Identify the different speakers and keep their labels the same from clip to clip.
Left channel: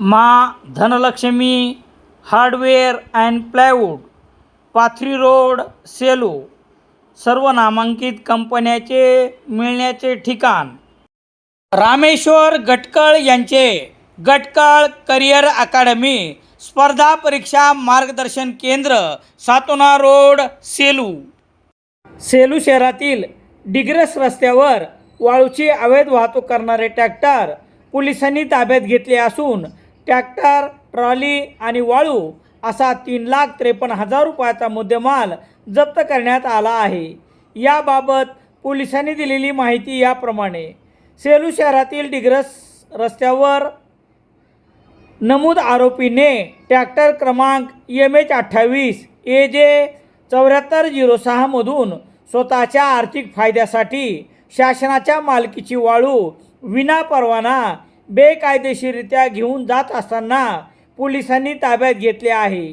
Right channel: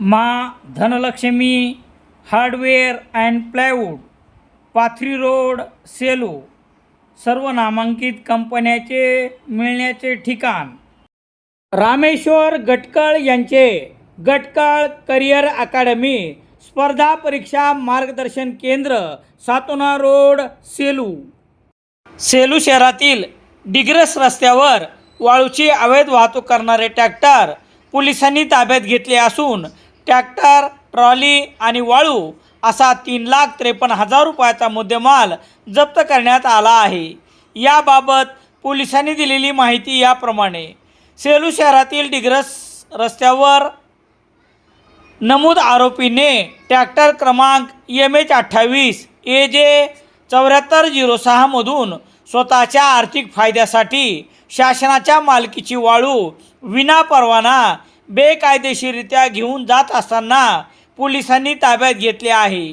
Speaker 1: मा Dhanlaxmi hardware and plywood Pathri road Selu सर्व नामांकित कंपन्याचे मिळण्याचे ठिकाण. रामेश्वर गटकळ यांचे गटकळ करिअर अकादमी स्पर्धा परीक्षा मार्गदर्शन केंद्र सातोना रोड सेलू. सेलू शहरातील डिग्रस रस्त्यावर वाळूची अवैध वाहतूक करणारे ट्रॅक्टर पोलिसांनी ताब्यात घेतले असून ट्रॅक्टर ट्रॉली आणि वाळू असा तीन लाख त्रेपन्न हजार रुपयाचा मुद्देमाल जप्त करण्यात आला आहे. याबाबत पोलिसांनी दिलेली माहिती याप्रमाणे सेलू शहरातील डिग्रस रस्त्यावर नमूद आरोपीने ट्रॅक्टर क्रमांक एम एच अठ्ठावीस ए जे चौऱ्याहत्तर झिरो सहामधून स्वतःच्या आर्थिक फायद्यासाठी शासनाच्या मालकीची वाळू विना परवाना बेकायदेशीरित्या घेऊन जात असताना पोलिसांनी ताब्यात घेतले आहे.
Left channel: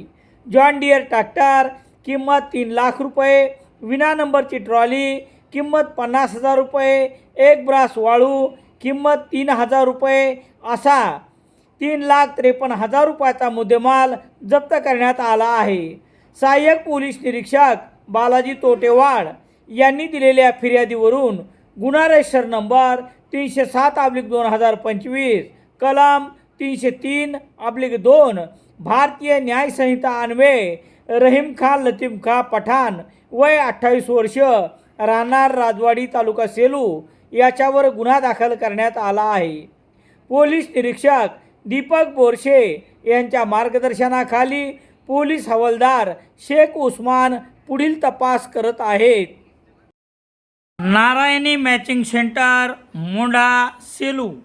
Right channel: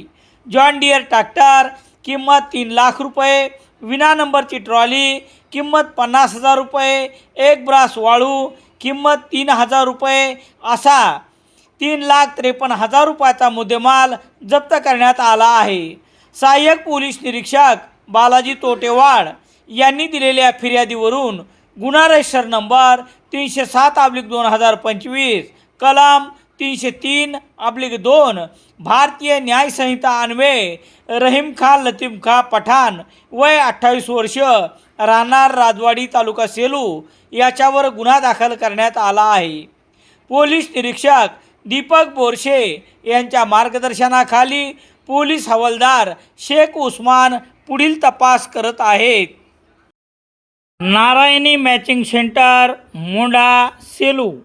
Speaker 1: जॉन डियर ट्रॅक्टर किंमत तीन लाख रुपये विना नंबरची ट्रॉली किंमत पन्नास हजार रुपये एक ब्रास वाळू किंमत तीन हजार रुपये असा तीन लाख त्रेपन्न हजार रुपयाचा मुद्देमाल जप्त करण्यात आला आहे. सहाय्यक पोलीस निरीक्षक बालाजी तोटेवाड यांनी दिलेल्या फिर्यादीवरून गुन्हा रजिस्टर नंबर तीनशे सात अब्लिक दोन हजार पंचवीस. कलम तीनशे तीन अब्लिक दोन. भारतीय न्यायसंहिता अन्वये रहीम खान लतीम खा पठाण वय अठ्ठावीस वर्ष राहणार राजवाडी तालुका सेलू याच्यावर गुन्हा दाखल करण्यात आला आहे. पोलीस निरीक्षक दीपक बोरशे यांच्या मार्गदर्शनाखाली पोलीस हवालदार शेख उस्मान पुढील तपास करत आहेत. નારાયણી મેચિંગ સેન્ટર મોડા સેલુ.